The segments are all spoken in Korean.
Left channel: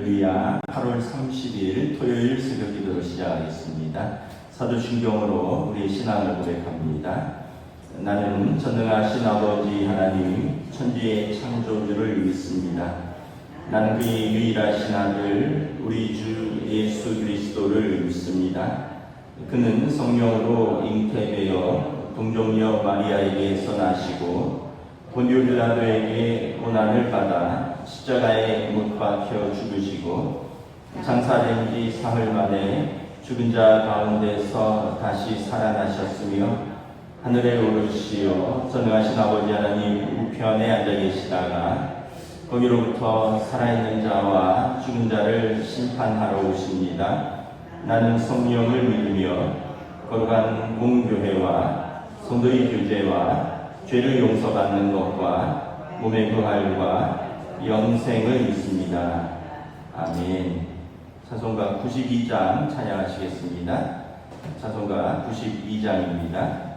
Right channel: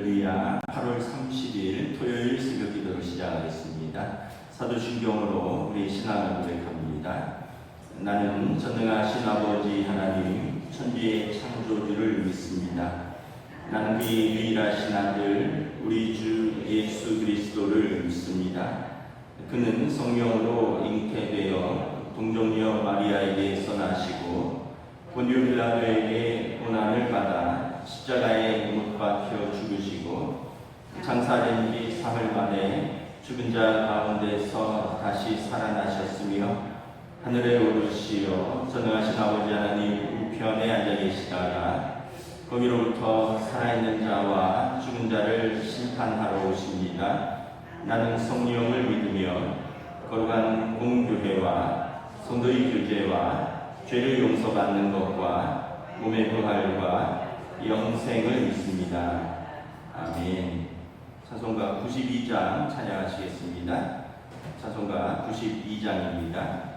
할렐루야. 8월 30일 토요일 새벽 기도로 시작하겠습니다. 사도신경으로 우리 신앙을 고백합니다. 나는 전능하신 아버지 하나님 천지의 창조주를 믿습니다. 나는 그의 유일하신 아들 우리 주 예수 그리스도를 믿습니다. 그는 성령으로 잉태되어 동정녀 마리아에게서 나시고 본디오 빌라도에게 고난을 받아 십자가에 못 박혀 죽으시고 장사된 지 사흘 만에 죽은 자 가운데서 다시 살아나셨으며 하늘에 오르시어 전능하신 아버지 하나님 우편에 앉아 계시다가 거기로부터 살아있는 자와 죽은 자를 심판하러 오십니다. 나는 성령을 믿으며 거룩한 공교회와 성도의 교제와 죄를 용서받는 것과 몸의 부활과 영생을 믿습니다. 아멘. 찬송가 92장 찬양하시겠습니다. 찬송가 92장입니다.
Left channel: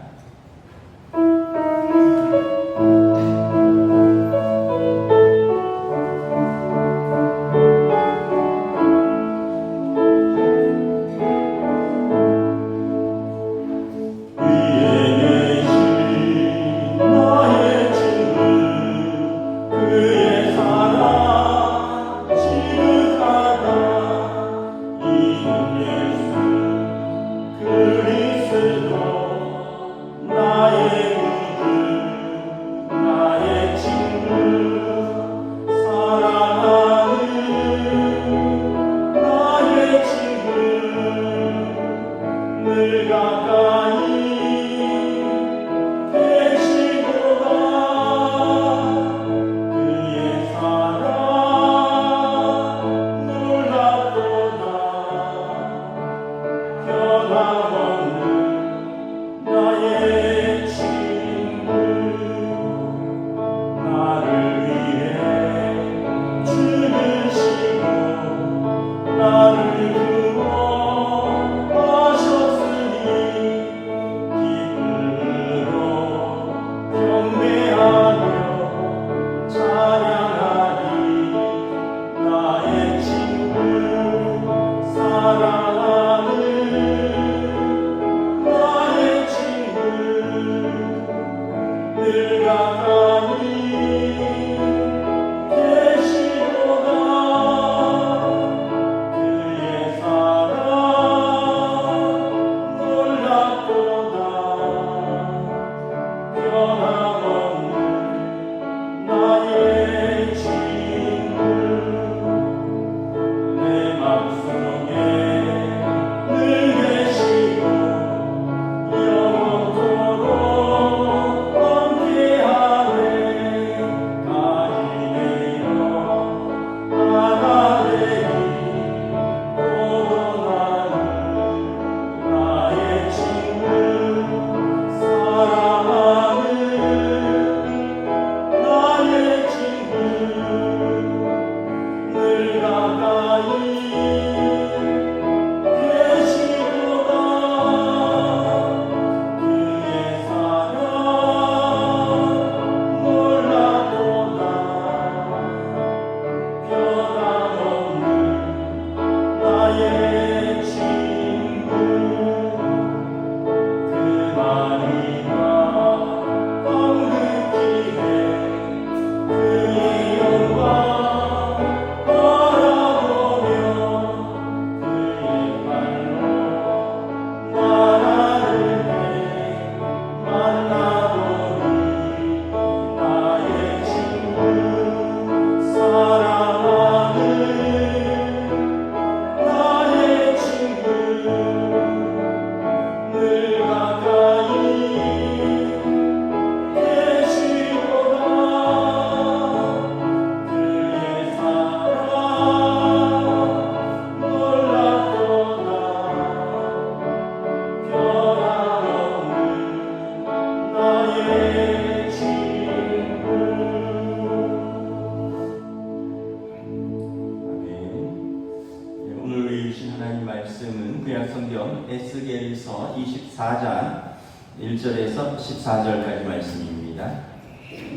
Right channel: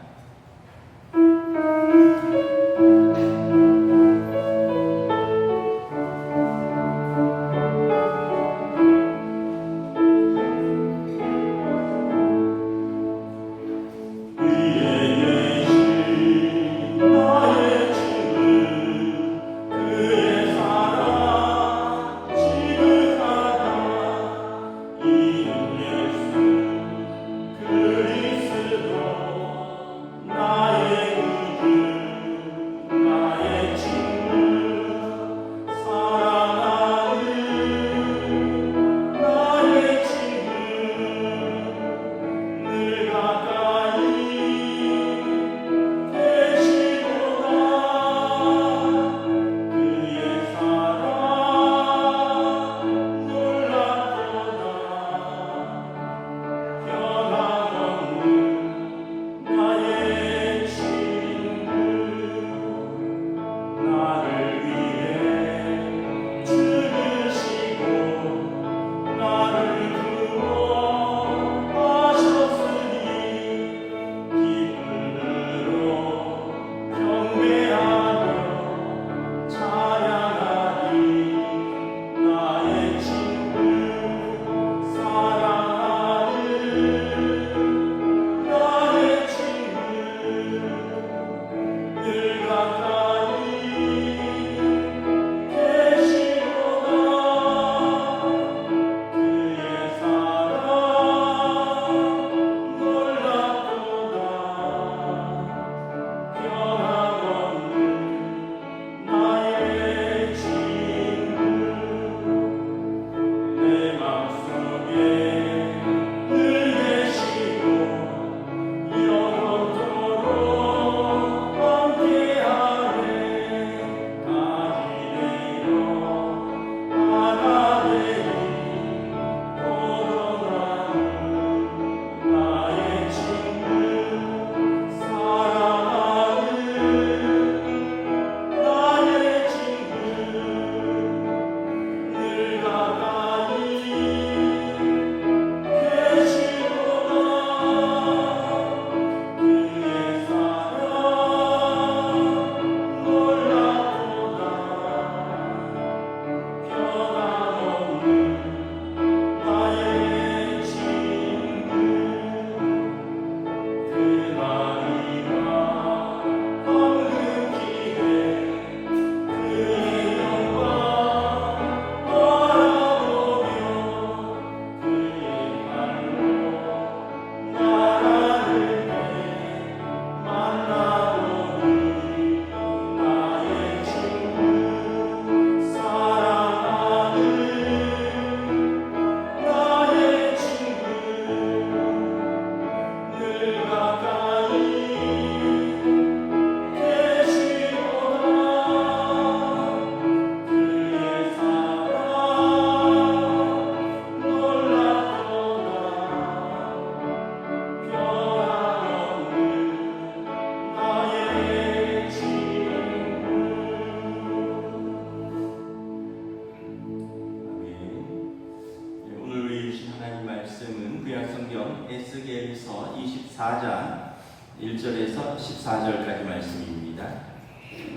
에스겔서 24장 1절에서 14절까지 말씀입니다.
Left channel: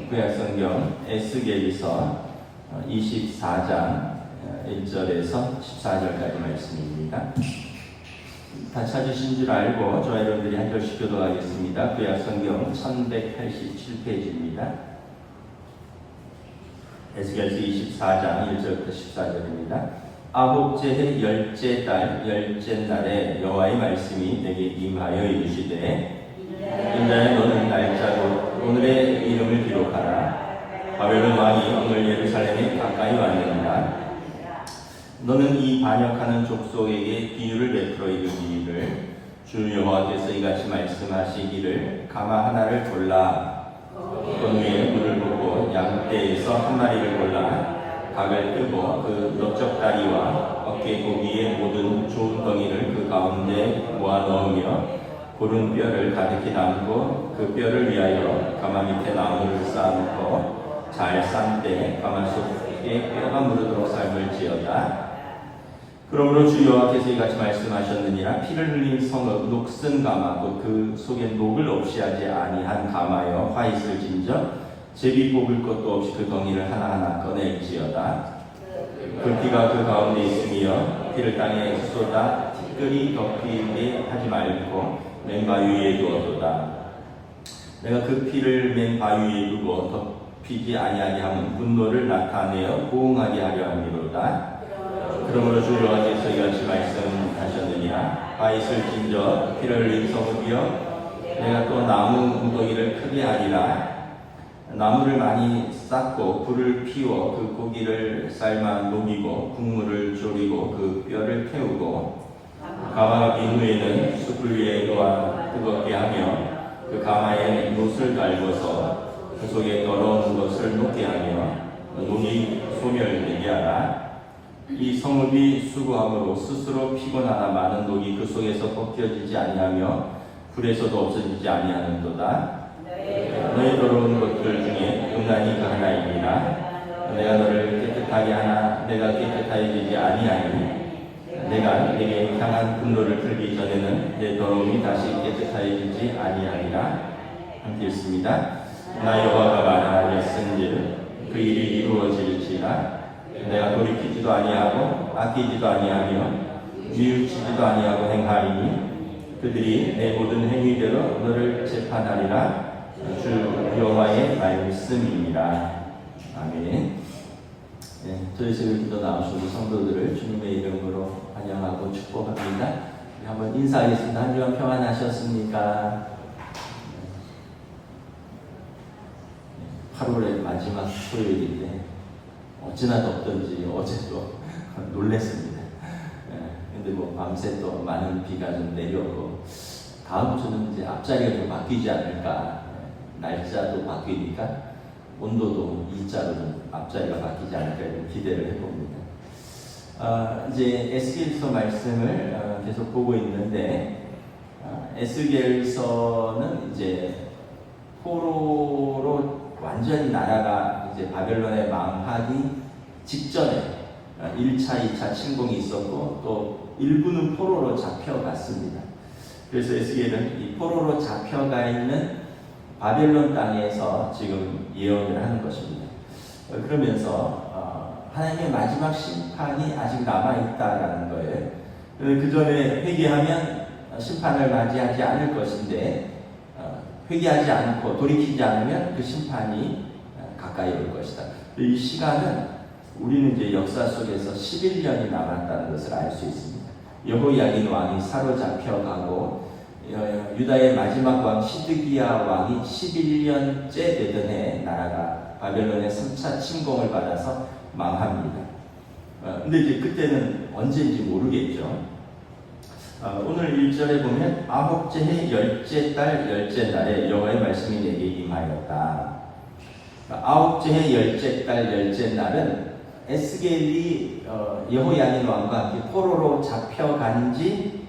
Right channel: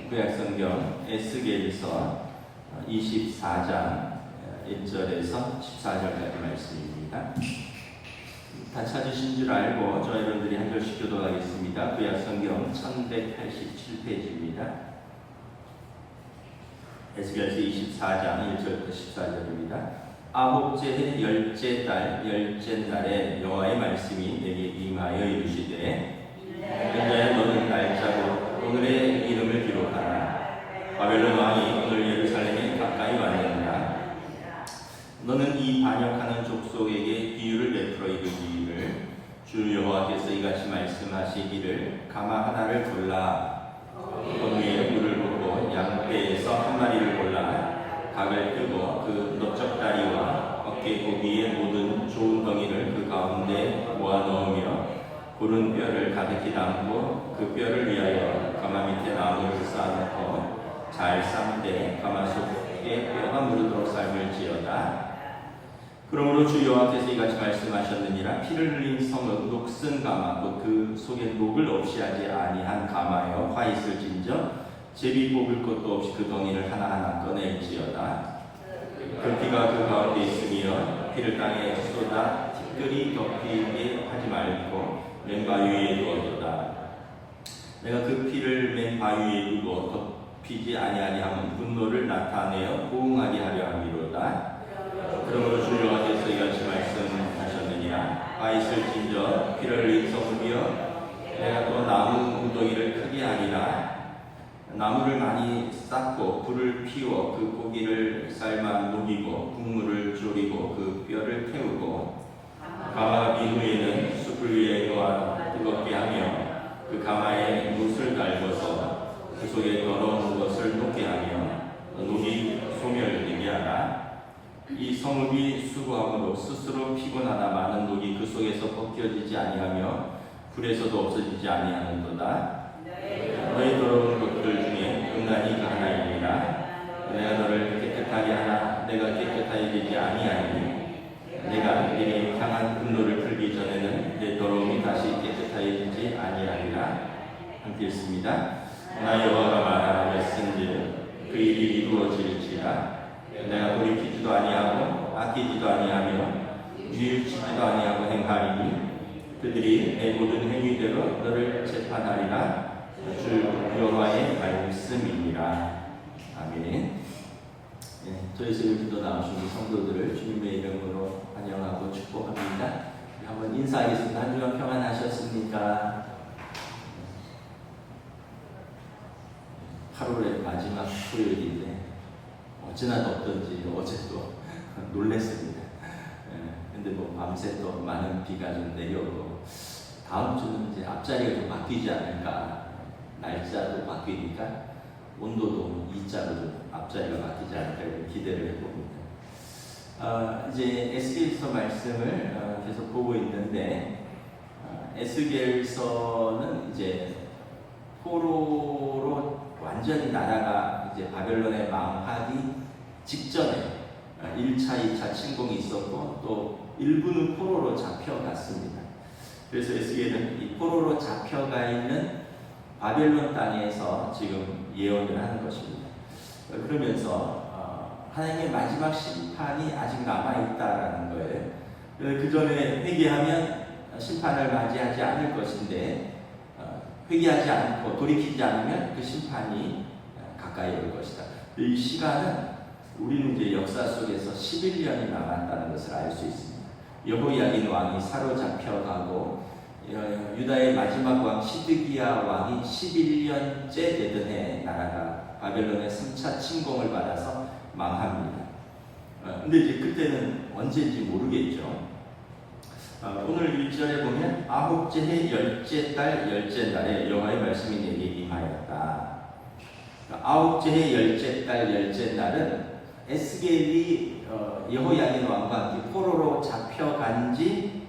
구약성경 에스겔서 24장 1절에서 14절까지 말씀입니다. 다 찾으신 줄 알고 저와 여러분들이 한 절씩 교도하겠습니다. 구약성경 1187페이지입니다. 에스겔서 24장 1절부터 14절입니다. 아홉째 해 열째 달 열째 날에 여호와의 말씀이 내게 임하여 이르시되 인자야 너는 날짜로 오늘의 이름을 기록하라. 바벨론 왕이 오늘 예루살렘에 가까이 왔느니라. 너는 이 반역하는 족속에게 비유를 베풀어 이르기를 주 여호와께서 이같이 말씀하시기를 가마 하나를 골라 그 위에 물을 붓고 양떼에서 한 마리를 골라 닭을 뜨고 그 넓적다리와 어깨 고기의 모든 좋은 덩이를 그 가운데 모아 넣으며 고른 뼈를 가득히 담고 그 뼈를 위하여 가마 밑에 나무를 쌓아놓고 잘 쌈되 가마 속에 뼈가 무르도록 삶을지어다. 그러므로 주 여호와께서 이같이 말씀하셨느니라. 피를 흘린 성읍 녹슨 가마 곧 그 속에 녹을 없이 하지 아니한 가마여 화 있을진저 제비 뽑을 것도 없이 그 덩이를 하나하나 꺼낼지어다. 그 피가 그 가운데 있으며 피를 땅에 쏟아 티끌이 덮이게 하지 말고 맨 바위에 두어도다. 내가 그 피를 맨 바위에 두고 덮이지 아니하게 하면 분노를 나타내어 보응하게 하려 함이로다. 그러므로 주 여호와께서 이같이 말씀하셨느니라. 화 있을진저 피를 흘린 성읍이여 내가 또 나무 무더기를 크게 하리라. 나무를 많이 쌓고 불을 피워 그 고기를 삶아 녹이고 국물을 졸이고 그 뼈를 태우고 가마가 빈 후에는 숯불 위에 놓아 뜨겁게 하며 그 가마에 놋을 갈궈서 그 속에 더러운 것을 녹게 하며 녹이 소멸되게 하라. 이 성읍이 수고함으로 스스로 피곤하나 많은 녹이 그 속에서 벗겨지지 아니하며 불에서도 없어지지 아니하는도다. 너희 더러운 것들 중에 음란이 그 하나이니라. 내가 너를 깨끗하게 하나 내가 깨끗하게 되지 아니하니 내가 내게 향한 분노를 풀기 전에는 내 더러움이 다시 깨끗하여지지 아니하리라. 함께 읽습니다. 나 여호와가 말하였은즉 그 일이 이루어질지라. 내가 돌이키지도 아니하고 아끼지도 아니하며 뉘우치지도 아니하고 행하리니 그들이 내 모든 행위대로 너를 재판하리라. 주 여호와의 말씀입니다. 아멘. 네, 저희 새벽 기도 나오신 우리 성도들을 주님의 이름으로 환영하고 축복합니다. 한번 인사하겠습니다. 한 주간 평안하셨습니까? 8월의 마지막 토요일인데 어찌나 덥던지 어제도 놀랬습니다. 근데 뭐 밤새 또 많은 비가 좀 내려오고 다음 주는 이제 앞자리가 좀 바뀌지 않을까. 날짜도 바뀌니까 온도도 이자로 좀 앞자리가 바뀌지 않을까 이런 기대를 해봅니다. 이제 에스겔서 말씀을 계속 보고 있는데 에스겔서는 이제 포로로 완전히 나라가 이제 바벨론에 망하기 직전에 1차, 2차 침공이 있었고 또 일부는 포로로 잡혀갔습니다. 그래서 에스겔은 이 포로로 잡혀가 있는 바벨론 땅에서 지금 예언을 하는 것입니다. 그러면서 하나님의 마지막 심판이 아직 남아있다라는 거예요. 그 전에 회개하면 심판을 맞이하지 않을 것인데 회개하지 않고 돌이키지 않으면 그 심판이 가까이 올 것이다. 이 시간은 우리는 이제 역사 속에서 11년이 남았다는 것을 알 수 있습니다. 여호야긴 왕이 사로잡혀가고 유다의 마지막 왕 시드기야 왕이 11년째 되던 해 나라가 바벨론의 3차 침공을 받아서 망합니다. 근데 이제 그때는 언제인지 모르겠죠. 오늘 1절에 보면 아홉째 해 열째 달 열째 날에 여호와의 말씀이 내게 임하였다. 아홉째 해 열째 달 열째 날은 에스겔이 여호야긴 왕과 함께 포로로 잡혀간 지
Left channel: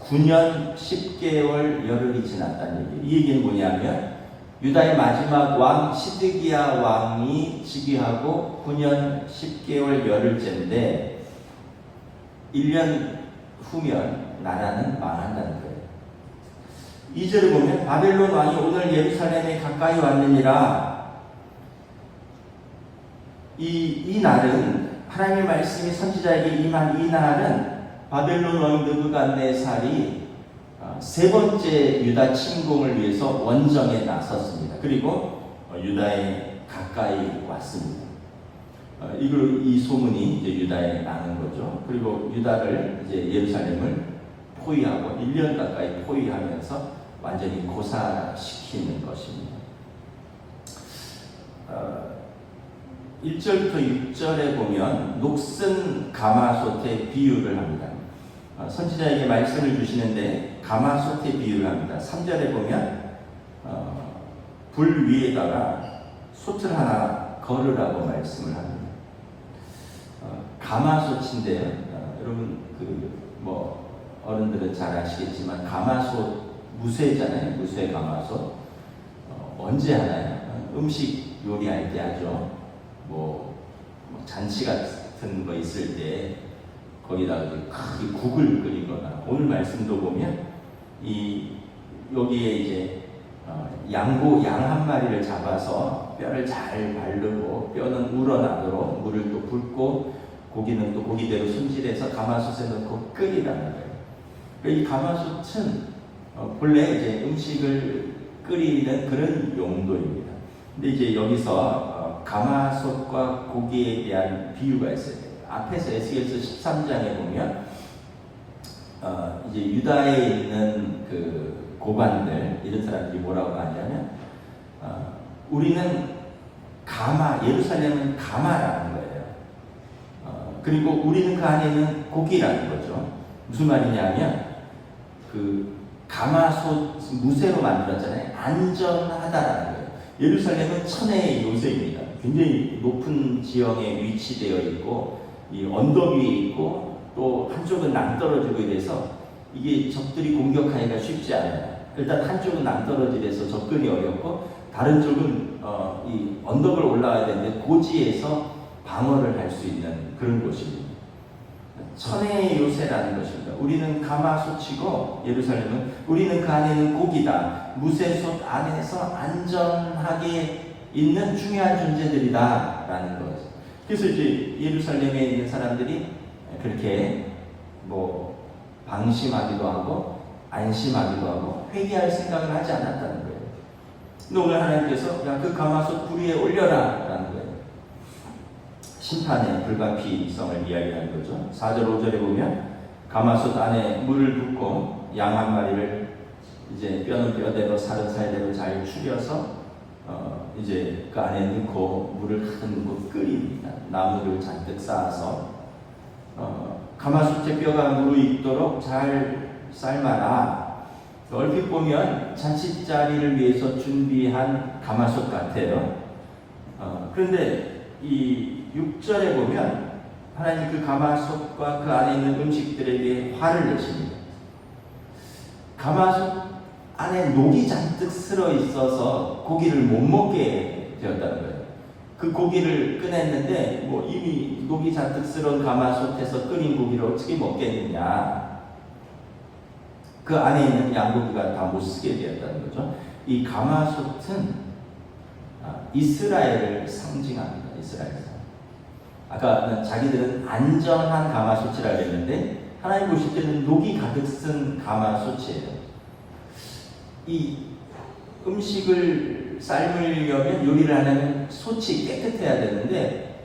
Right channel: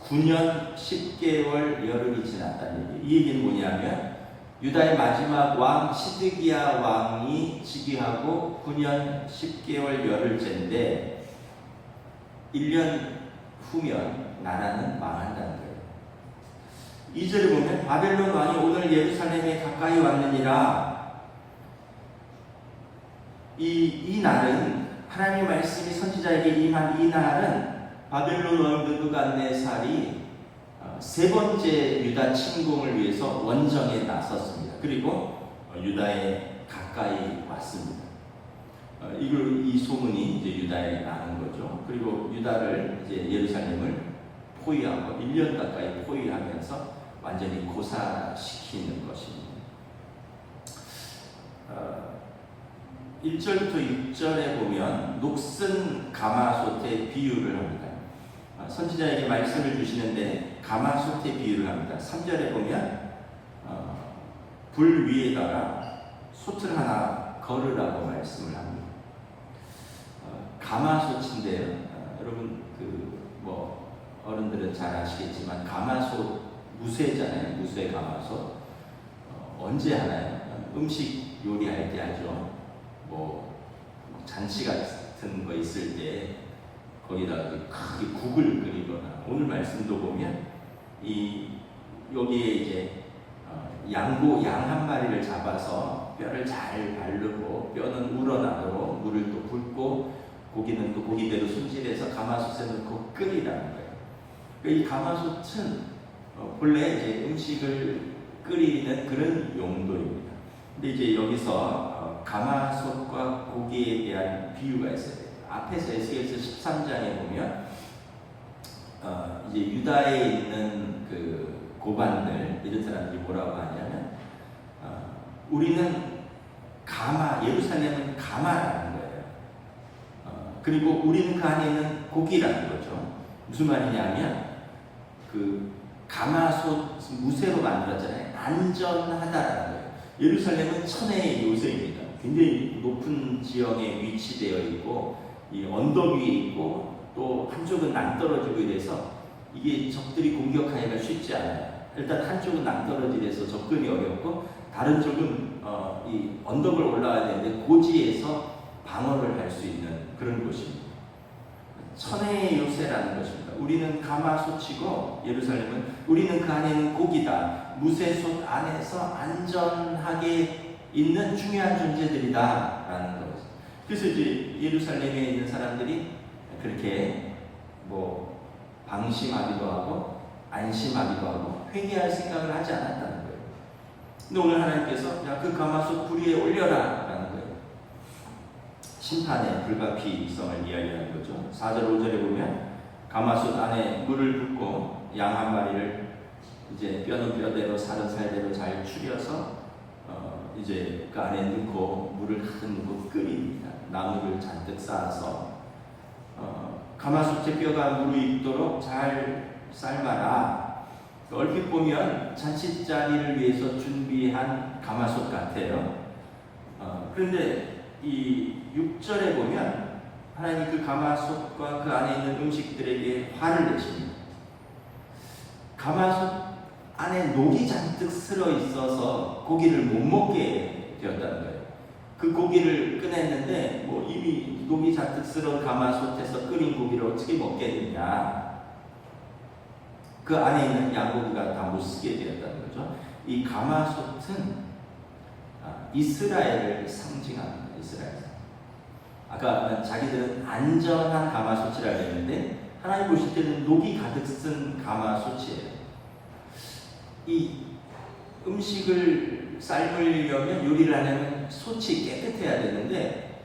9년 10개월 열흘이 지났다는 얘기예요. 이 얘기는 뭐냐면 유다의 마지막 왕 시드기야 왕이 즉위하고 9년 10개월 열흘째인데 1년 후면 나라는 망한다는 거예요. 2절에 보면 바벨론 왕이 오늘 예루살렘에 가까이 왔느니라. 이 날은 하나님의 말씀이 선지자에게 임한 이 날은 바벨론 왕 느부갓네살이 세 번째 유다 침공을 위해서 원정에 나섰습니다. 그리고 유다에 가까이 왔습니다. 이 소문이 이제 유다에 나는 거죠. 그리고 유다를 이제 예루살렘을 포위하고 1년 가까이 포위하면서 완전히 고사시키는 것입니다. 1절부터 6절에 보면 녹슨 가마솥의 비유를 합니다. 선지자에게 말씀을 주시는데 가마솥의 비유를 합니다. 3절에 보면 불 위에다가 솥을 하나 걸으라고 말씀을 합니다. 가마솥인데요. 여러분 어른들은 잘 아시겠지만 가마솥 무쇠잖아요. 무쇠 가마솥. 언제 하나요? 음식 요리할 때 하죠. 잔치 같은 거 있을 때 거기다가 크게 국을 끓이거나, 오늘 말씀도 보면 여기에 이제 양 한 마리를 잡아서 뼈를 잘 바르고 뼈는 우러나도록 물을 또 붓고 고기는 또 고기대로 손질해서 가마솥에 넣고 끓이라는 거예요. 이 가마솥은 본래 이제 음식을 끓이는 그런 용도입니다. 근데 이제 여기서 가마솥과 고기에 대한 비유가 있어요. 앞에서 에스겔서 13장에 보면 이제 유다에 있는 그 고관들, 이런 사람들이 뭐라고 하냐면 우리는 예루살렘은 가마라는 거예요. 그리고 우리는 그 안에 있는 고기라는 거죠. 무슨 말이냐면 그 가마솥 무쇠로 만들었잖아요. 안전하다라는 거예요. 예루살렘은 천혜의 요새입니다. 굉장히 높은 지형에 위치되어 있고 이 언덕 위에 있고 또 한쪽은 낭떠러지고 이래서 이게 적들이 공격하기가 쉽지 않아요. 일단 한쪽은 낭떠러지돼서 접근이 어렵고 다른 쪽은 이 언덕을 올라와야 되는데 고지에서 방어를 할 수 있는 그런 곳입니다. 천혜의 요새라는 것입니다. 우리는 가마솥이고 예루살렘은 우리는 그 안에는 고기다. 무쇠솥 안에서 안전하게 있는 중요한 존재들이다라는 거죠. 그래서 이제 예루살렘에 있는 사람들이 그렇게 방심하기도 하고 안심하기도 하고 회개할 생각을 하지 않았다는 거예요. 근데 오늘 하나님께서 그 가마솥 불 위에 올려라 라는 거예요. 심판의 불가피성을 이야기하는 거죠. 4절 5절에 보면 가마솥 안에 물을 붓고 양 한 마리를 이제 뼈는 뼈대로 살은 살대로 잘 추려서 이제 그 안에 넣고 물을 가득 넣고 끓입니다. 나무를 잔뜩 쌓아서 가마솥의 뼈가 무르익도록 잘 삶아라. 얼핏 보면 잔치자리를 위해서 준비한 가마솥 같아요. 그런데 이 6절에 보면 하나님 그 가마솥과 그 안에 있는 음식들에게 화를 내십니다. 가마솥 안에 녹이 잔뜩 쓸어 있어서 고기를 못 먹게 되었다는 거예요. 그 고기를 꺼냈는데 이미 녹이 잔뜩 쓸은 가마솥에서 끓인 고기를 어떻게 먹겠느냐. 그 안에 있는 양고기가 다 못 쓰게 되었다는 거죠. 이 가마솥은 이스라엘을 상징합니다. 이스라엘. 아까 자기들은 안전한 가마솥이라고 했는데 하나님 보실 때는 녹이 가득 쓴 가마솥이에요. 이 음식을 삶으려면 요리를 하려면 솥이 깨끗해야 되는데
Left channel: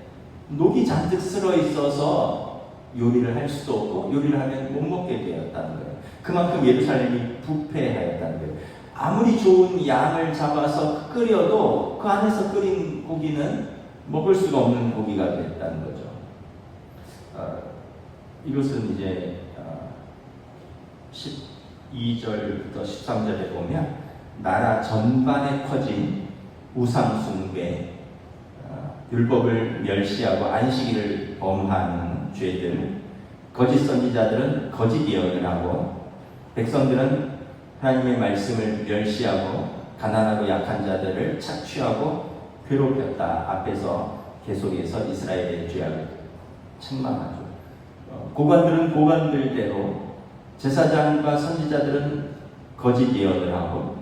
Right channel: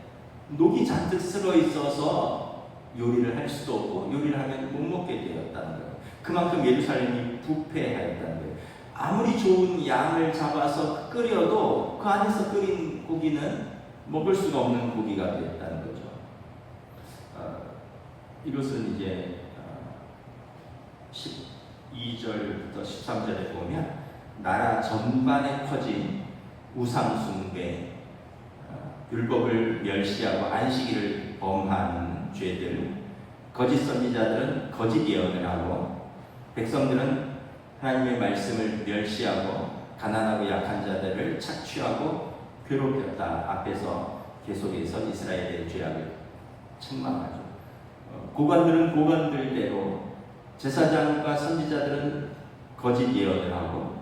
녹이 잔뜩 쓸어 있어서 요리를 할 수도 없고 요리를 하면 못 먹게 되었다는 거예요. 그만큼 예루살렘이 부패하였다는 거예요. 아무리 좋은 양을 잡아서 끓여도 그 안에서 끓인 고기는 먹을 수가 없는 고기가 됐다는 거죠. 이것은 이제 12절부터 13절에 보면 나라 전반에 퍼진 우상 숭배, 율법을 멸시하고 안식일을 범하는 죄들, 거짓 선지자들은 거짓 예언을 하고 백성들은 하나님의 말씀을 멸시하고 가난하고 약한 자들을 착취하고 괴롭혔다. 앞에서 계속해서 이스라엘의 죄악을 책망하죠. 고관들은 고관들대로, 제사장과 선지자들은 거짓 예언을 하고,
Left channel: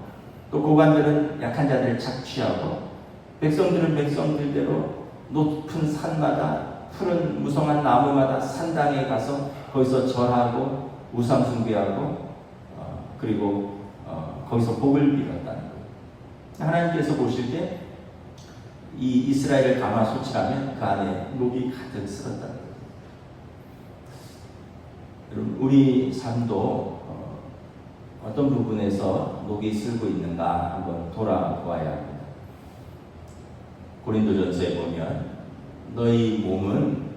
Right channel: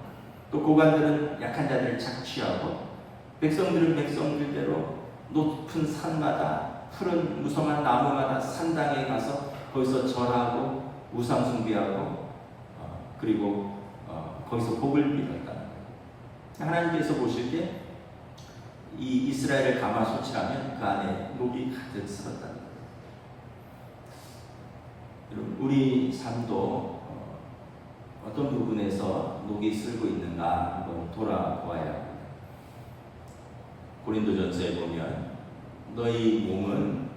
또 고관들은 약한 자들을 착취하고, 백성들은 백성들대로 높은 산마다 푸른 무성한 나무마다 산당에 가서 거기서 절하고 우상 숭배하고 그리고 거기서 복을 빌었다는 거예요. 하나님께서 보실 때 이 이스라엘을 가마솥이라면 그 안에 녹이 가득 쓸었다는 거예요. 여러분, 우리 삶도 어떤 부분에서 녹이 슬고 있는가 한번 돌아보아야 합니다. 고린도전서에 보면 너희 몸은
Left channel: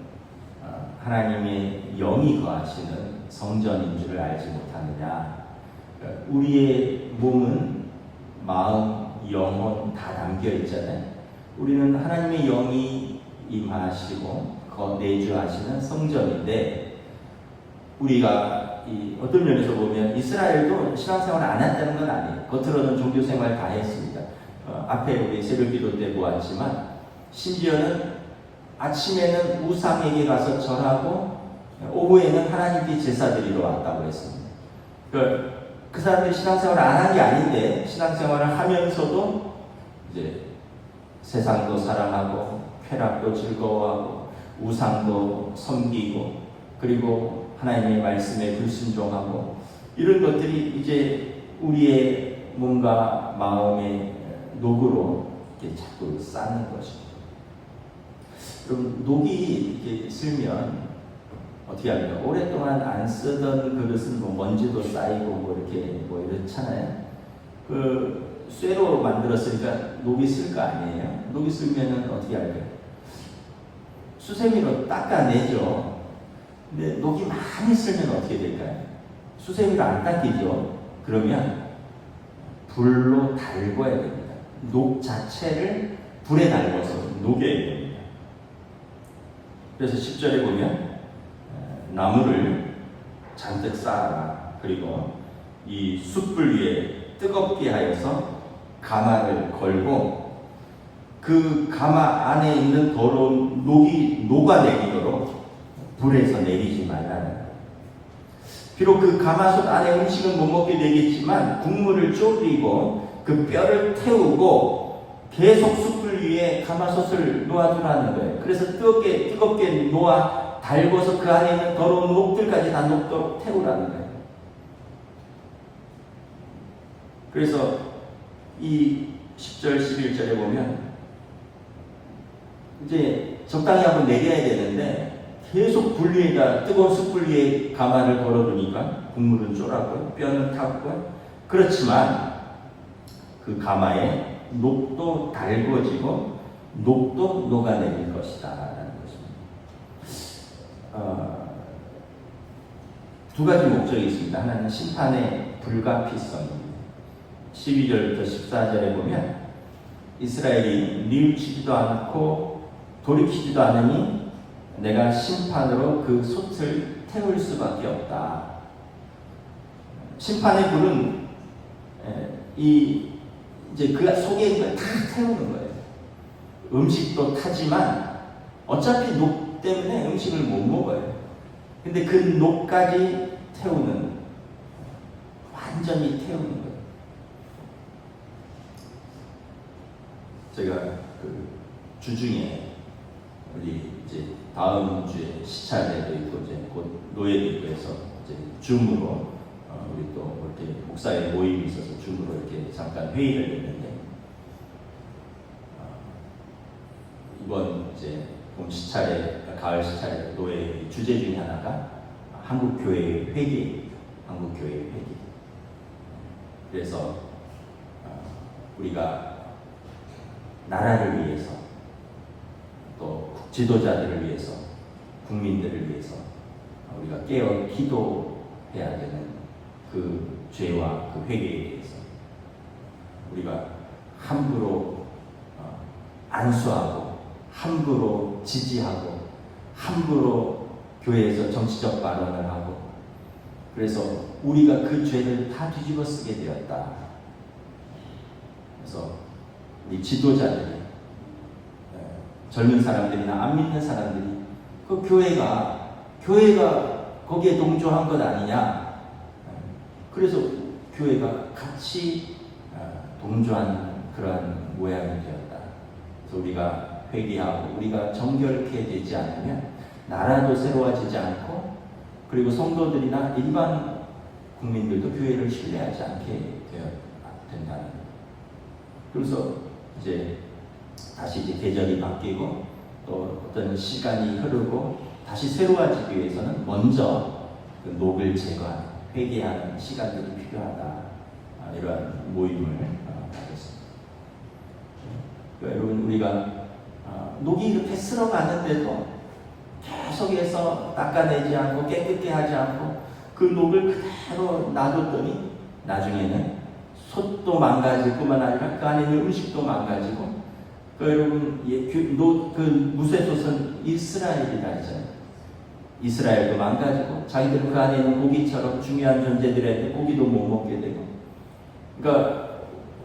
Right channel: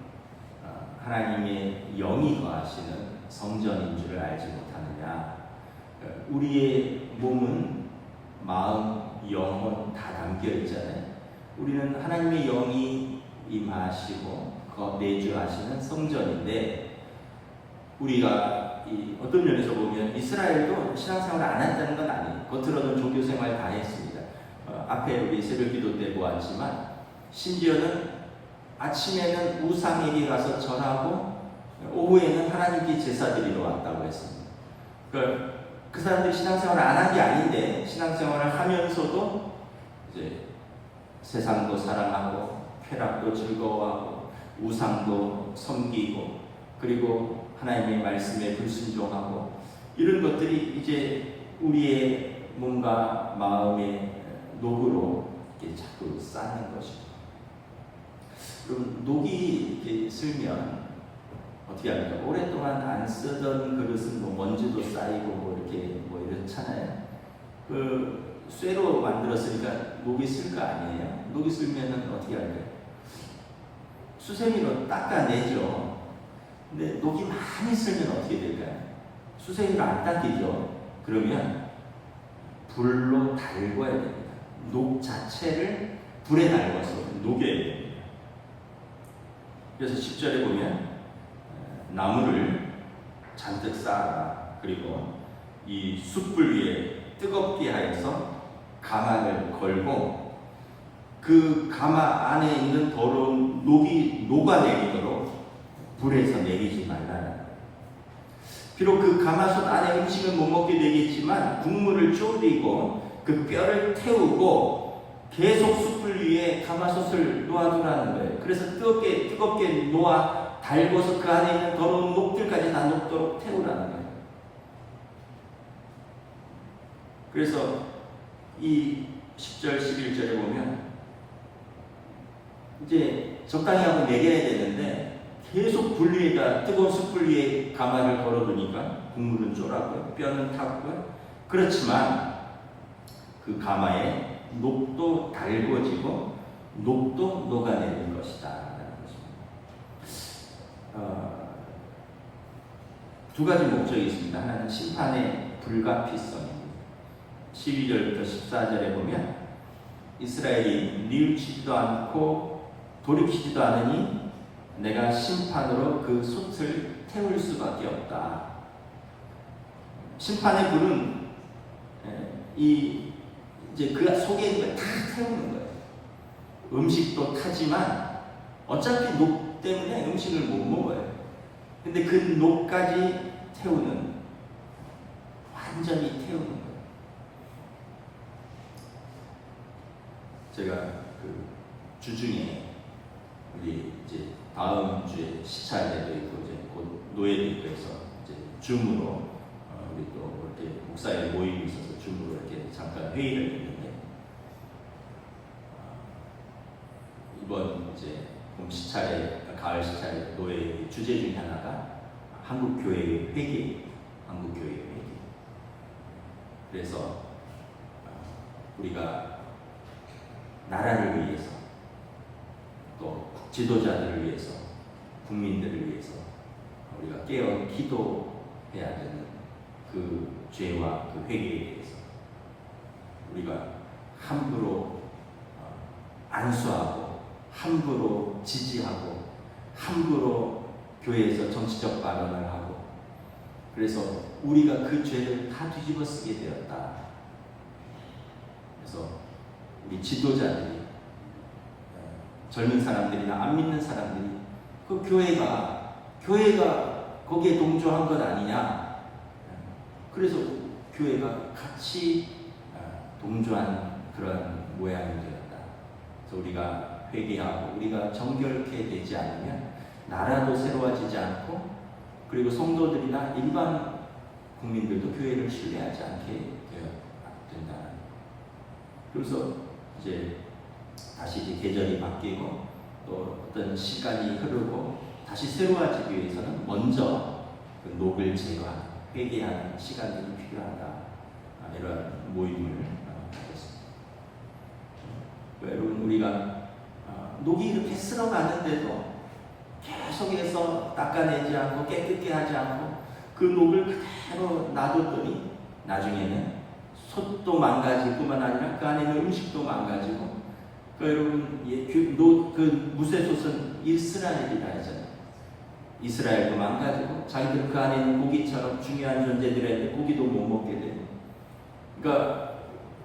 하나님의 영이 거하시는 성전인 줄을 알지 못하느냐. 우리의 몸은 마음, 영혼 다 담겨 있잖아요. 우리는 하나님의 영이 임하시고 내주하시는 성전인데, 우리가 어떤 면에서 보면 이스라엘도 신앙생활을 안 한다는 건 아니에요. 겉으로는 종교생활 다 했습니다. 앞에 우리 새벽기도 때 보았지만 심지어는 아침에는 우상에게 가서 절하고 오후에는 하나님께 제사 드리러 왔다고 했습니다. 그 사람들이 신앙생활을 안 한 게 아닌데 신앙생활을 하면서도 이제 세상도 사랑하고 쾌락도 즐거워하고 우상도 섬기고 그리고 하나님의 말씀에 불순종하고 이런 것들이 이제 우리의 몸과 마음의 녹으로 이렇게 자꾸 쌓는 것입니다. 그럼 녹이 이렇게 슬면 어떻게 합니까? 오랫동안 안 쓰던 그릇은 뭐 먼지도 쌓이고 뭐 이렇게 뭐 이렇잖아요. 그 쇠로 만들었으니까 녹이 쓸 거 아니에요? 녹이 쓸면은 어떻게 할까요? 수세미로 닦아내죠. 근데 녹이 많이 쓸면 어떻게 될까요? 수세미로 안 닦이죠. 그러면 불로 달궈야 됩니다. 녹 자체를 불에 달궈서 녹여야 됩니다. 그래서 10절에 보면 나무를 잔뜩 쌓아라. 그리고 이 숯불 위에 뜨겁게 하여서 가마를 걸고 그 가마 안에 있는 더러운 녹이 녹아내리도록 불에서 내리지 말라는 거예요. 비록 그 가마솥 안에 음식은 못 먹게 되겠지만 국물을 졸이고 그 뼈를 태우고 계속 숯불 위에 가마솥을 놓아두라는 거예요. 그래서 뜨겁게 놓아 달궈서 그 안에 있는 더러운 녹들까지 다 녹도록 태우라는 거예요. 그래서 이 10절, 11절에 보면 이제 적당히 한번 내려야 되는데 계속 불 위에다 뜨거운 숯불 위에 가마를 걸어두니까 국물은 쫄았고요, 뼈는 탔고요. 그렇지만 그 가마에 녹도 달궈지고 녹도 녹아내릴 것이다 라는 것입니다. 두 가지 목적이 있습니다. 하나는 심판의 불가피성입니다. 12절부터 14절에 보면 이스라엘이 뉘우치지도 않고 돌이키지도 않으니 내가 심판으로 그 솥을 태울 수밖에 없다. 심판의 불은 이제 그 속에 있는 걸 다 태우는 거예요. 음식도 타지만 어차피 녹 때문에 음식을 못 먹어요. 근데 그 녹까지 태우는, 완전히 태우는 거예요. 제가 그 주중에 우리 이제 다음 주에 시찰회도 있고 이제 곧 노예도 있고 해서 이제 줌으로 우리 또 이렇게 목사의 모임이 있어서 줌으로 이렇게 잠깐 회의를 했는데 이번 이제 봄 시찰회, 가을 시찰회 노예 주제 중에 하나가 한국 교회의 회개, 한국 교회의 회개. 그래서 우리가 나라를 위해서 또 지도자들을 위해서 국민들을 위해서 우리가 깨어 기도해야 되는 그 죄와 그 회개에 대해서 우리가 함부로 안수하고 함부로 지지하고 함부로 교회에서 정치적 발언을 하고 그래서 우리가 그 죄를 다 뒤집어 쓰게 되었다. 그래서 우리 지도자들이 젊은 사람들이나 안 믿는 사람들이 그 교회가 거기에 동조한 것 아니냐. 그래서 교회가 같이 동조한 그러한 모양이 되었다. 그래서 우리가 회개하고 우리가 정결케 되지 않으면 나라도 새로워지지 않고 그리고 성도들이나 일반 국민들도 교회를 신뢰하지 않게 된다는. 그래서 이제 다시 이제 계절이 바뀌고 또 어떤 시간이 흐르고 다시 새로워지기 위해서는 먼저 그 녹을 제거하는 회개하는 시간들이 필요하다. 이러한 모임을 가졌습니다. 여러분 우리가 녹이 이렇게 쓸어가는데도 계속해서 닦아내지 않고 깨끗게 하지 않고 그 녹을 그대로 놔뒀더니 나중에는 솥도 망가질 뿐만 아니라 그 안에 있는 음식도 망가지고 여러분 그 무쇠솥은 이스라엘이라 했잖아요. 이스라엘도 망가지고 자기들은 그 안에 있는 고기처럼 중요한 존재들한테 고기도 못 먹게 되고 그러니까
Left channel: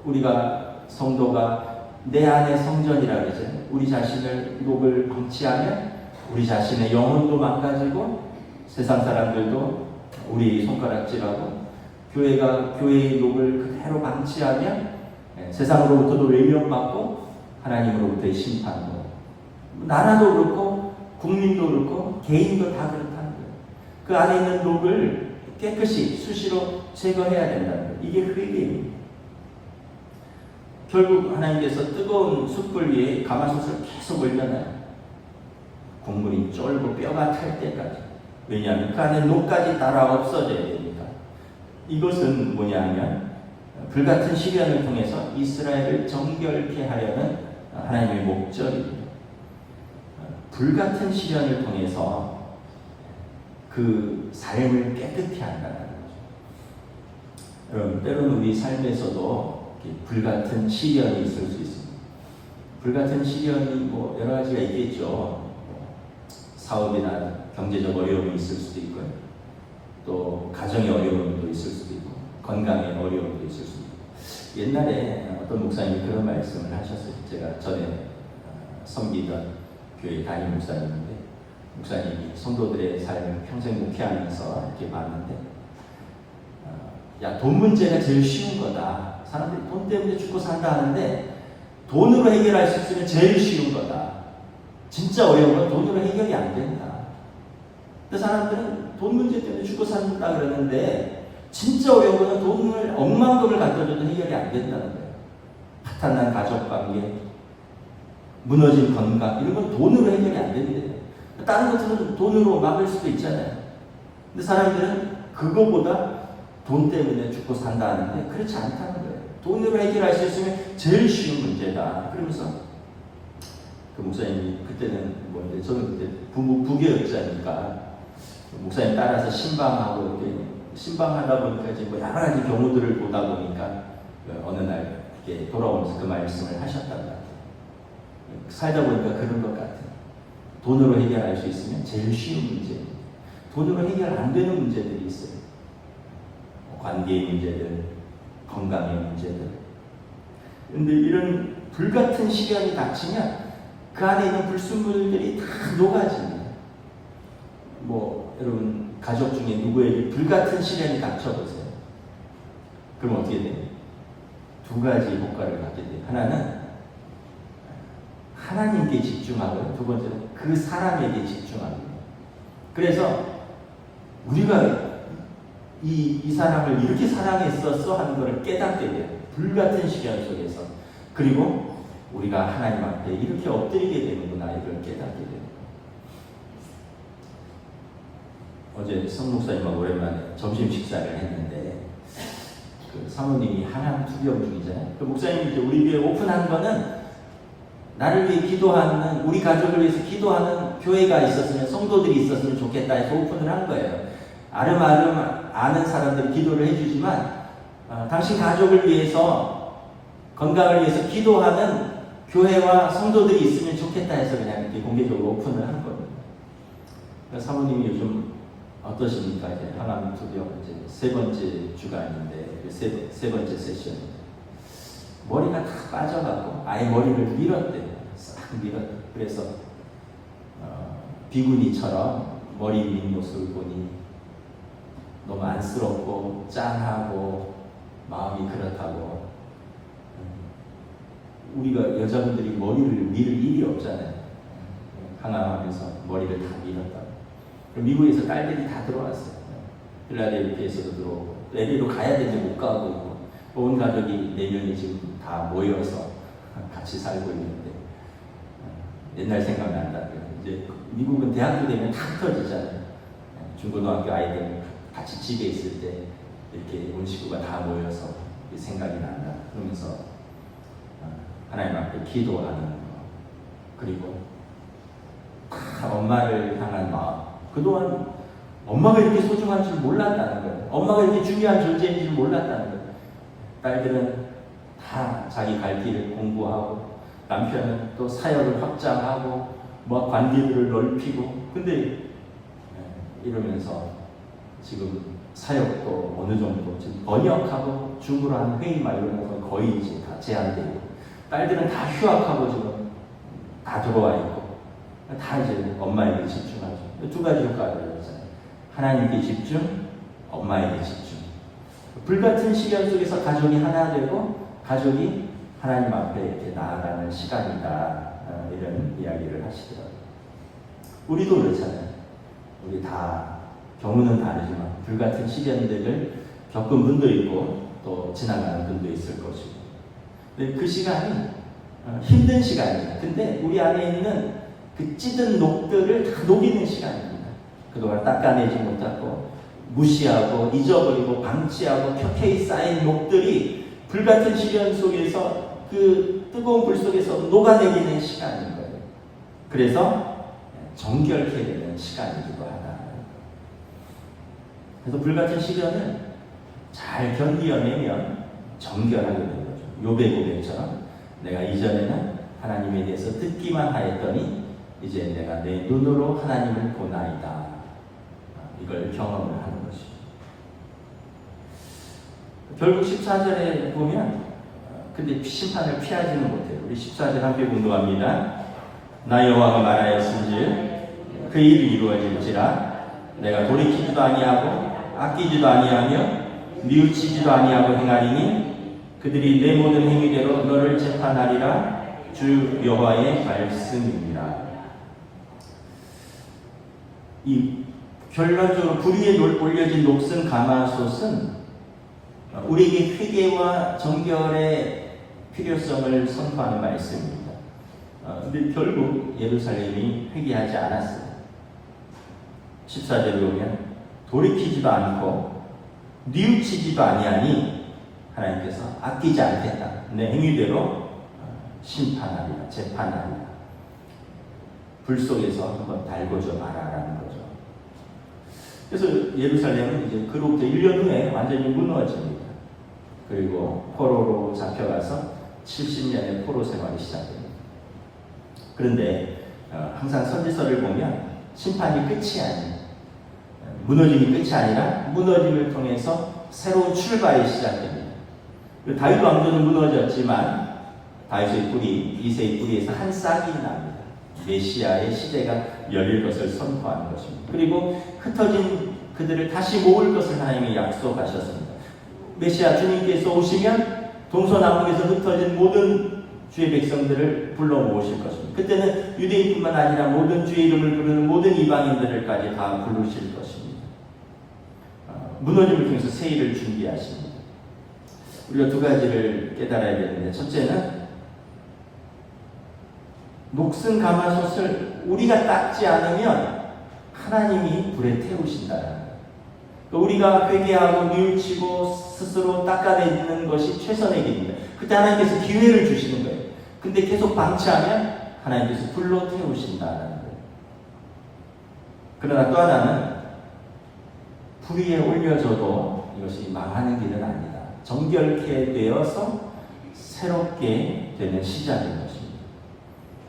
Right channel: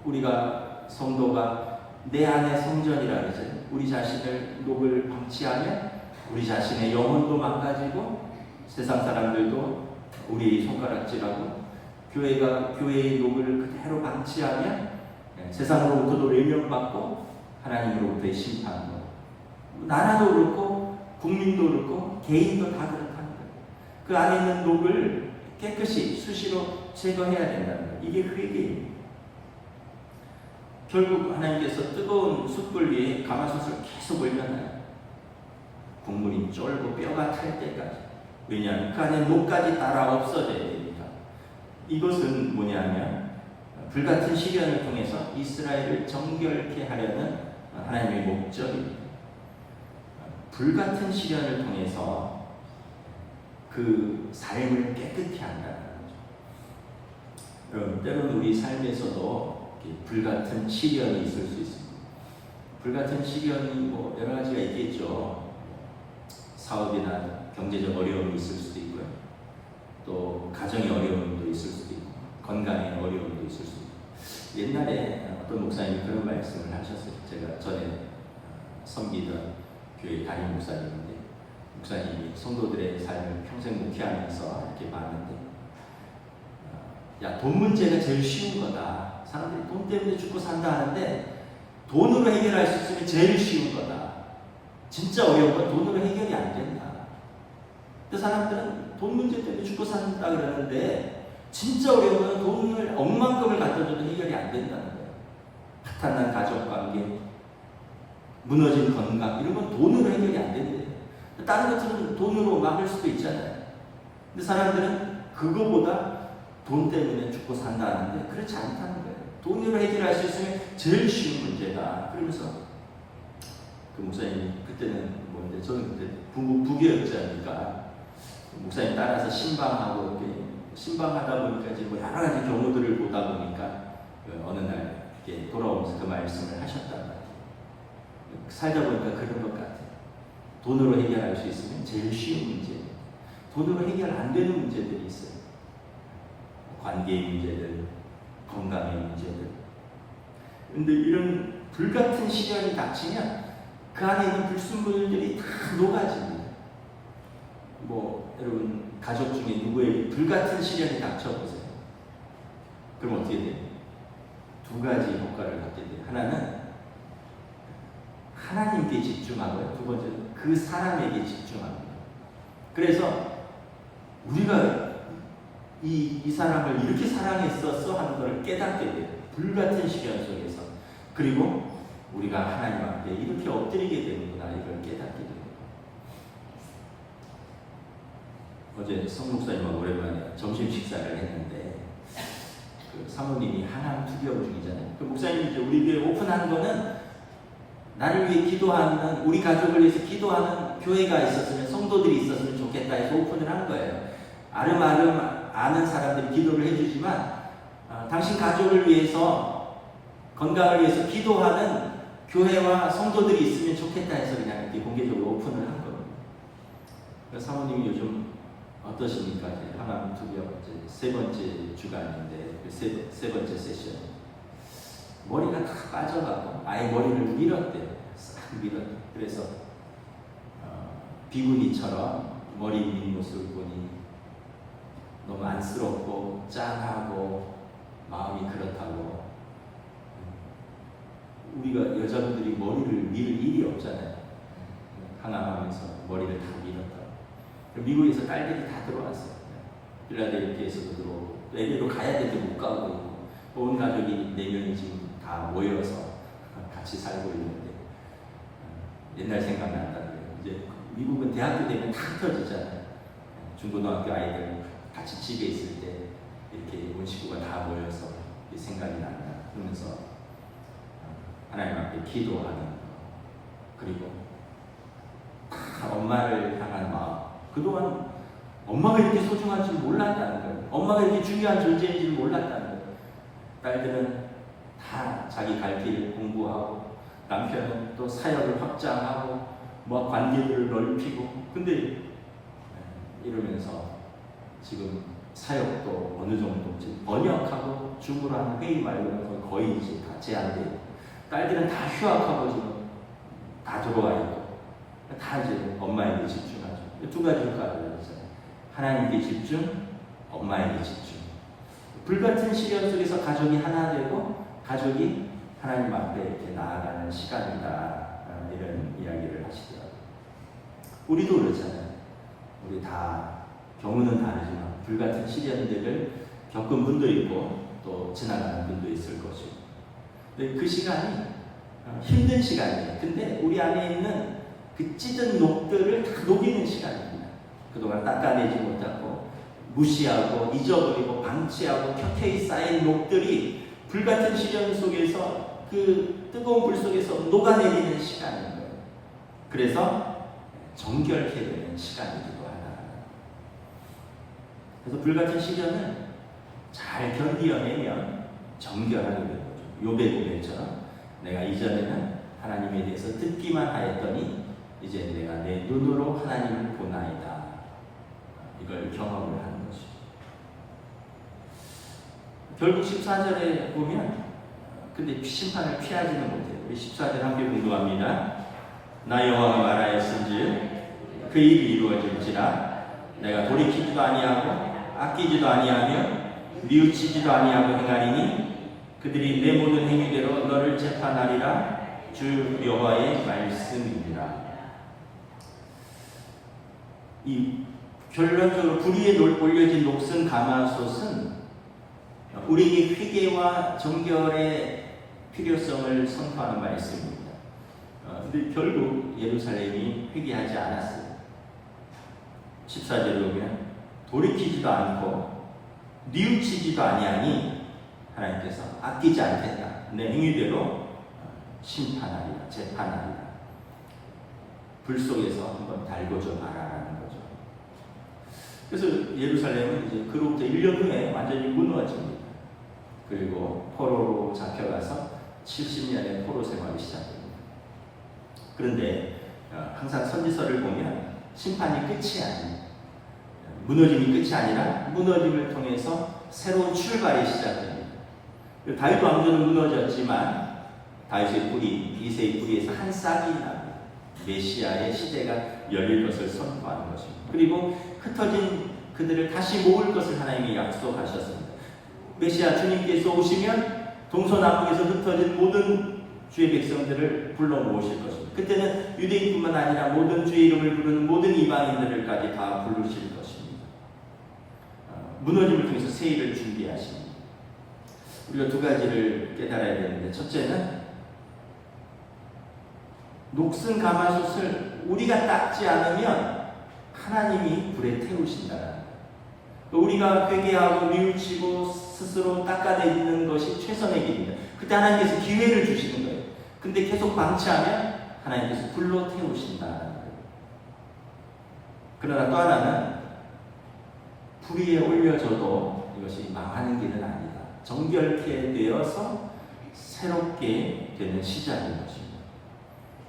우리가 성도가 내 안의 성전이라 그러잖아요. 우리 자신을 녹을 방치하면 우리 자신의 영혼도 망가지고 세상 사람들도 우리 손가락질하고 교회의 녹을 그대로 방치하면 세상으로부터도 외면받고 하나님으로부터의 심판도 나라도 그렇고 국민도 그렇고 개인도 다 그렇다는 거예요. 그 안에 있는 녹을 깨끗이 수시로 제거해야 된다는 거예요. 이게 회개입니다. 결국 하나님께서 뜨거운 숯불 위에 가마솥을 계속 올려놔요. 국물이 쫄고 뼈가 탈 때까지. 왜냐하면 그 안에 녹까지 따라 없어져야 되니까. 이것은 뭐냐면 불같은 시련을 통해서 이스라엘을 정결케 하려는 하나님의 목적입니다. 불같은 시련을 통해서 그 삶을 깨끗히 한다는 거죠. 여러분 때로는 우리 삶에서도 불같은 시련이 있을 수 있습니다. 불같은 시련이 뭐 여러 가지가 있겠죠. 사업이나 경제적 어려움이 있을 수도 있고요. 또 가정의 어려움도 있을 수도 있고 건강의 어려움도 있을 수도 있고. 옛날에 어떤 목사님이 그런 말씀을 하셨어요. 제가 전에 섬기던 교회 담임 목사님인데 목사님이 성도들의 삶을 평생 목회하면서 이렇게 봤는데 야, 돈 문제가 제일 쉬운 거다. 사람들이 돈 때문에 죽고 산다 하는데 돈으로 해결할 수 있으면 제일 쉬운 거다. 진짜 어려운 건 돈으로 해결이 안 된다. 근데 사람들은 돈 문제 때문에 죽고 산다 그러는데 진짜 어려운 거는 돈을 억만금을 갖다 줘도 해결이 안 된다는 거예요. 파탄난 가족관계, 무너진 건강 이런 건 돈으로 해결이 안 된대요. 다른 것들은 돈으로 막을 수도 있잖아요. 근데 사람들은 그거보다 돈 때문에 죽고 산다 하는데 그렇지 않다는 거예요. 돈으로 해결할 수 있으면 제일 쉬운 문제다. 그러면서 그 목사님이 그때는 뭔데 저는 그때 부교육자니까 목사님 따라서 신방하고 이렇게 신방하다 보니까 이제 뭐 여러 가지 경우들을 보다 보니까 어느 날 이렇게 돌아오면서 그 말씀을 하셨단 말이에요. 살다 보니까 그런 것 같아요. 돈으로 해결할 수 있으면 제일 쉬운 문제입니다. 돈으로 해결 안 되는 문제들이 있어요. 관계의 문제들, 건강의 문제들. 그런데 이런 불같은 시련이 닥치면 그 안에 있는 불순물들이 다 녹아집니다. 뭐 여러분 가족 중에 누구에게 불같은 시련이 닥쳐보세요. 그럼 어떻게 돼요? 두 가지 효과를 갖게 돼요. 하나는 하나님께 집중하고요. 두 번째는 그 사람에게 집중합니다. 그래서 우리가 이 사람을 이렇게 사랑했었어 하는 것을 깨닫게 돼요. 불같은 시련 속에서. 그리고 우리가 하나님 앞에 이렇게 엎드리게 되는구나 이걸 깨닫게 돼요. 어제 성 목사님하고 오랜만에 점심 식사를 했는데 그 사모님이 항암 투병 중이잖아요. 그 목사님이 이제 우리 교회 오픈한 거는 나를 위해 기도하는 우리 가족을 위해서 기도하는 교회가 있었으면 성도들이 있었으면 좋겠다 해서 오픈을 한 거예요. 아름아름 아는 사람들이 기도를 해주지만 당신 가족을 위해서 건강을 위해서 기도하는 교회와 성도들이 있으면 좋겠다 해서 그냥 이렇게 공개적으로 오픈을 한 겁니다. 사모님이 요즘 어떠십니까? 항암 투병 이제 세 번째 주간인데 세 번째 세션 머리가 다 빠져가고 아예 머리를 밀었대요. 싹 밀었대. 그래서 비구니처럼 머리 민 모습을 보니 너무 안쓰럽고 짠하고 마음이 그렇다고 우리가 여자분들이 머리를 밀을 일이 없잖아요. 항암하면서 머리를 다 밀었다. 미국에서 딸들이 다 들어왔어요. 필라델피아에서도 들어오고, LA로 가야 되는데 못 가고, 온 가족이 4명이 지금 다 모여서 같이 살고 있는데, 옛날 생각난다. 이제 미국은 대학교 되면 다 흩어지잖아요. 중고등학교 아이들 같이 집에 있을 때 이렇게 온 식구가 다 모여서 생각이 난다. 그러면서 하나님 앞에 기도하는 거, 그리고 다 엄마를 향한 마음. 그동안 엄마가 이렇게 소중한 줄 몰랐다는 거예요. 엄마가 이렇게 중요한 존재인 줄 몰랐다는 거예요. 딸들은 다 자기 갈 길을 공부하고, 남편은 또 사역을 확장하고, 뭐 관계들을 넓히고. 근데 이러면서 지금 사역도 어느 정도 지금 번역하고 중으로 하는 회의 말고는 거의 이제 다 제한되고, 딸들은 다 휴학하고 지금 다 들어와 있고, 다 이제 엄마에게 집중하죠. 두 가지 효과가 있잖아요. 하나님께 집중, 엄마에게 집중. 불같은 시련 속에서 가족이 하나 되고, 가족이 하나님 앞에 이렇게 나아가는 시간이다. 이런 이야기를 하시더라고요. 우리도 그렇잖아요. 우리 다 경우는 다르지만 불같은 시련들을 겪은 분도 있고 또 지나가는 분도 있을 것이고. 근데 그 시간이 힘든 시간이에요. 근데 우리 안에 있는 그 찌든 녹들을 다 녹이는 시간입니다. 그동안 닦아내지 못하고 무시하고 잊어버리고 방치하고 켜켜이 쌓인 녹들이 불같은 시련 속에서 그 뜨거운 불 속에서 녹아내리는 시간인 거예요. 그래서 정결케 되는 시간이기도 하다. 그래서 불같은 시련을 잘 견디어내면 정결하게 되는 거죠. 욥의 고백처럼 내가 이전에는 하나님에 대해서 듣기만 하였더니 이제 내가 내 눈으로 하나님을 보나이다. 이걸 경험을 하는 것이죠. 결국 14절에 보면 근데 심판을 피하지는 못해요. 우리 14절 함께 공부합니다. 나 여호와가 말하였은즉 그 일이 이루어질지라 내가 돌이키지도 아니하고 아끼지도 아니하며 뉘우치지도 아니하고 행하리니 그들이 내 모든 행위대로 너를 재판하리라. 주 여호와의 말씀입니다. 이 결론적으로 불 위에 올려진 녹슨 가마솥은 우리에게 회개와 정결의 필요성을 선포하는 말씀입니다. 근데 결국 예루살렘이 회개하지 않았어요. 14절에 보면 돌이키지도 않고 뉘우치지도 아니하니 하나님께서 아끼지 않겠다. 내 행위대로 심판하리라, 재판하리라. 불 속에서 한번 달궈줘 봐라라는 거죠. 그래서 예루살렘은 이제 그로부터 1년 후에 완전히 무너집니다. 그리고 포로로 잡혀가서 70년의 포로 생활이 시작됩니다. 그런데 항상 선지서를 보면 심판이 끝이 아닌, 무너짐이 끝이 아니라 무너짐을 통해서 새로운 출발이 시작됩니다. 다윗 왕조는 무너졌지만 다윗의 뿌리, 이새의 뿌리에서 한 싹이 납니다. 메시아의 시대가 열릴 것을 선포하는 것입니다. 그리고 흩어진 그들을 다시 모을 것을 하나님이 약속하셨습니다. 메시아 주님께서 오시면 동서남북에서 흩어진 모든 주의 백성들을 불러 모으실 것입니다. 그때는 유대인뿐만 아니라 모든 주의 이름을 부르는 모든 이방인들까지 다 부르실 것입니다. 무너짐을 통해서 새 일을 준비하십니다. 우리가 두 가지를 깨달아야 되는데, 첫째는 녹슨 가마솥을 우리가 닦지 않으면 하나님이 불에 태우신다는 거예요. 우리가 회개하고 뉘우치고 스스로 닦아내는 것이 최선의 길입니다. 그때 하나님께서 기회를 주시는 거예요. 근데 계속 방치하면 하나님께서 불로 태우신다는 거예요. 그러나 또 하나는 불 위에 올려져도 이것이 망하는 길은 아니다. 정결케 되어서 새롭게 되는 시작인 것입니다.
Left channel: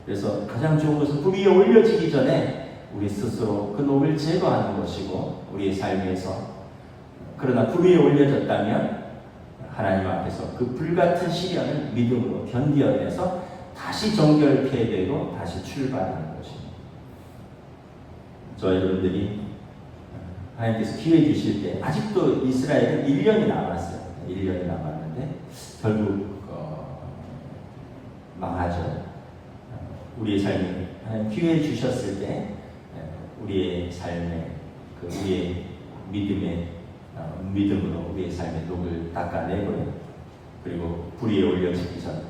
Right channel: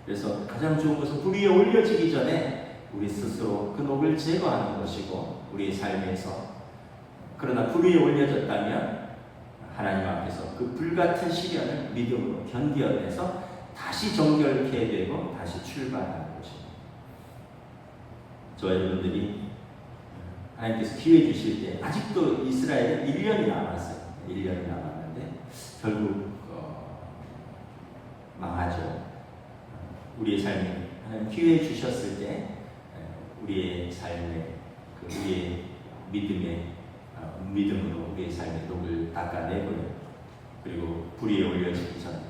그래서 가장 좋은 것은 불 위에 올려지기 전에 우리 스스로 그 녹을 제거하는 것이고, 우리의 삶에서 그러나 불 위에 올려졌다면 하나님 앞에서 그 불같은 시련을 믿음으로 견디어내서 다시 정결케 되고 다시 출발하는 것입니다. 저 여러분들이 하나님께서 기회 주실 때, 아직도 이스라엘은 1년이 남았어요. 1년이 남았는데 결국 망하죠. 우리의 삶에 하나님 기회 주셨을 때 우리의 삶에 우리의 믿음으로 우리의 삶의 녹을 닦아내고요. 그리고 불 위에 올려지기 전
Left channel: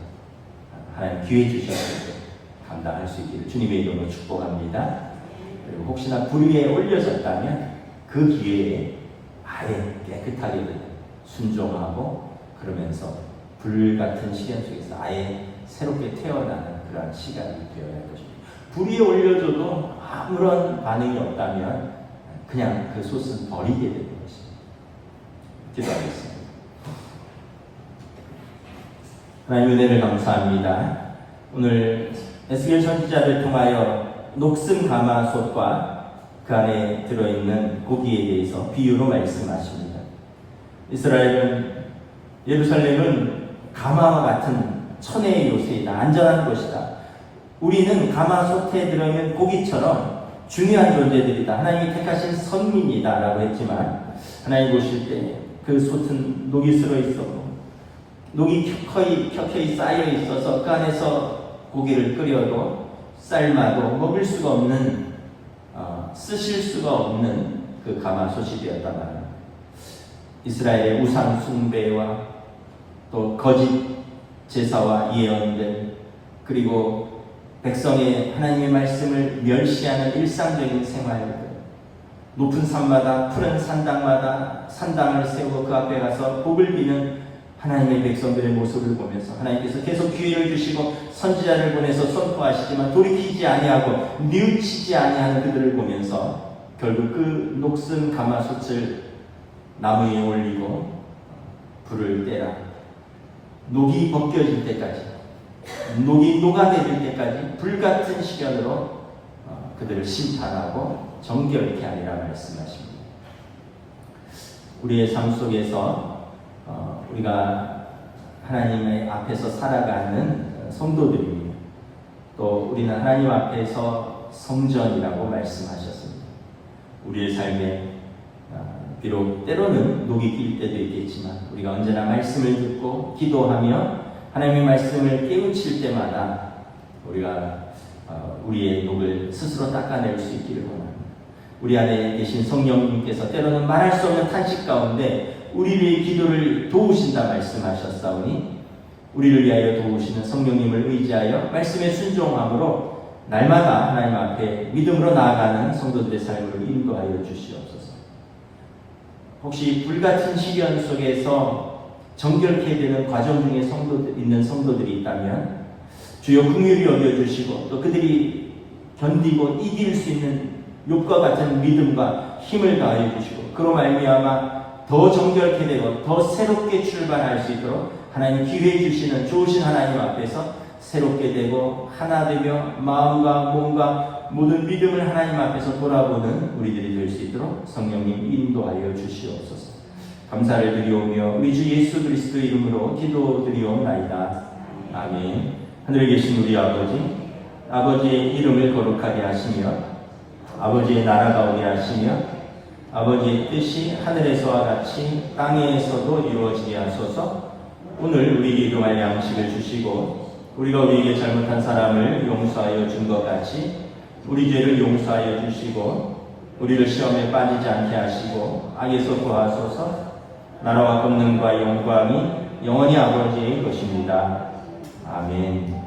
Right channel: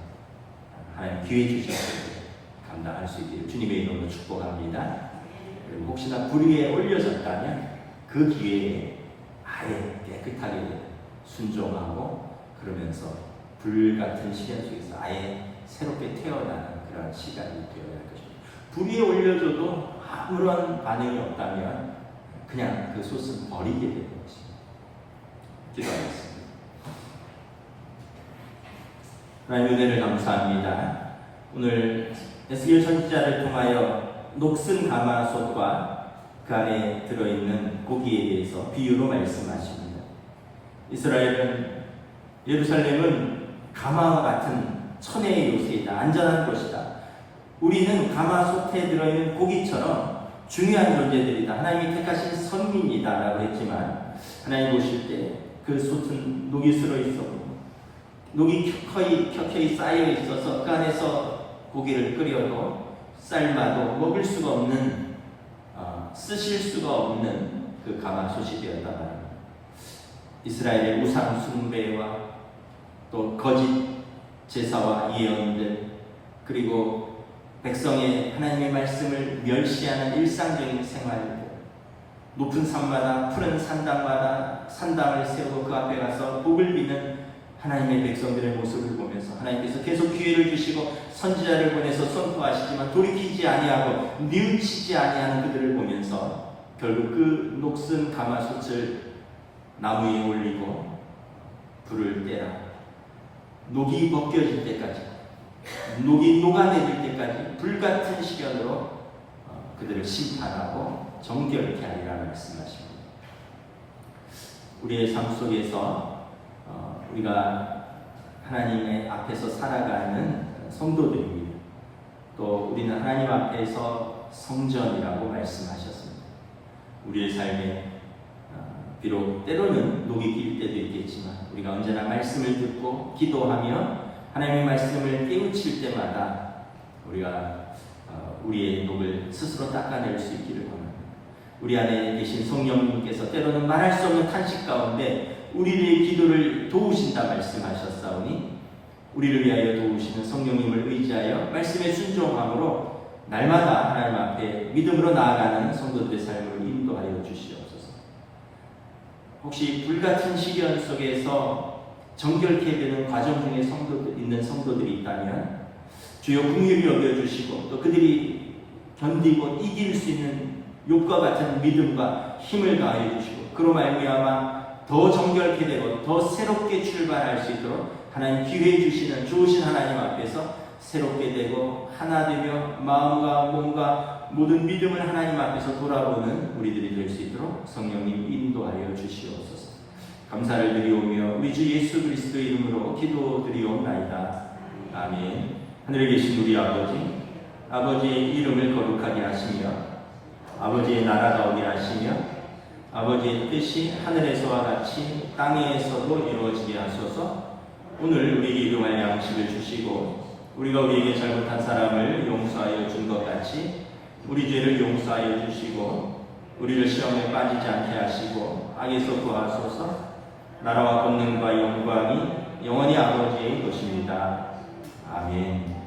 하나님 기회 주셨을 때 감당할 수 있기를 주님의 이름으로 축복합니다. 그리고 혹시나 불 위에 올려졌다면 그 기회에 아예 깨끗하게 순종하고 그러면서 불 같은 시련 속에서 아예 새롭게 태어나는 그런 시간이 되어야 할 것입니다. 불 위에 올려줘도 아무런 반응이 없다면 그냥 그 솥은 버리게 되는 것입니다. 기도하겠습니다. 하나님 은혜를 감사합니다. 오늘 에스겔 선지자를 통하여 녹슨 가마솥과 그 안에 들어있는 고기에 대해서 비유로 말씀하십니다. 예루살렘은 가마와 같은 천혜의 요새이다. 안전한 곳이다. 우리는 가마솥에 들어있는 고기처럼 중요한 존재들이다. 하나님이 택하신 선민이다 라고 했지만 하나님 보실 때 그 솥은 녹이 슬어 있었고 녹이 켜켜이 쌓여 있어서 그 안에서 고기를 끓여도 삶아도 먹을 수가 없는 쓰실 수가 없는 그 가마솥이 되었단 말입니다. 이스라엘의 우상 숭배와 또 거짓 제사와 예언들 그리고 백성의 하나님의 말씀을 멸시하는 일상적인 생활들 높은 산마다 푸른 산당을 세우고 그 앞에 가서 복을 비는 하나님의 백성들의 모습을 보면서 하나님께서 계속 기회를 주시고 선지자를 보내서 선포하시지만 돌이키지 아니하고 뉘우치지 아니하는 그들을 보면서 결국 그 녹슨 가마솥을 나무 위에 올리고 불을 떼라 녹이 벗겨질 때까지 녹이 녹아내릴 때까지 불같은 시간으로 그들을 심판하고 정결케 하리라 말씀하십니다. 우리의 삶 속에서 우리가 하나님의 앞에서 살아가는 성도들입니다. 또 우리는 하나님 앞에서 성전이라고 말씀하셨습니다. 우리의 삶에 비록 때로는 녹이 낄 때도 있겠지만 우리가 언제나 말씀을 듣고 기도하며 하나님의 말씀을 깨우칠 때마다 우리가 우리의 녹을 스스로 닦아낼 수 있기를 원합니다. 우리 안에 계신 성령님께서 때로는 말할 수 없는 탄식 가운데 우리의 기도를 도우신다 말씀하셨사오니 우리를 위하여 도우시는 성령님을 의지하여 말씀에 순종함으로 날마다 하나님 앞에 믿음으로 나아가는 성도들의 삶을 인도하여 주시옵소서. 혹시 불같은 시련 속에서 정결케 되는 과정 중에 있는 성도들이 있다면 주여 긍휼히 여겨주시고 또 그들이 견디고 이길 수 있는 욥과 같은 믿음과 힘을 가하여 주시고 그로 말미암아 더 정결케 되고 더 새롭게 출발할 수 있도록 하나님 기회 주시는 좋으신 하나님 앞에서 새롭게 되고 하나 되며 마음과 몸과 모든 믿음을 하나님 앞에서 돌아보는 우리들이 될 수 있도록 성령님 인도하여 주시옵소서. 감사를 드리오며 우리 주 예수 그리스도 이름으로 기도드리옵나이다. 아멘. 하늘에 계신 우리 아버지의 이름을 거룩하게 하시며 아버지의 나라가 오게 하시며 아버지의 뜻이 하늘에서와 같이 땅에서도 이루어지게 하소서. 오늘 우리에게 일용할 양식을 주시고 우리가 우리에게 잘못한 사람을 용서하여 준 것 같이 우리 죄를 용서하여 주시고 우리를 시험에 빠지지 않게 하시고 악에서 구하소서. 나라와 권능과 영광이 영원히 아버지의 것입니다. 아멘.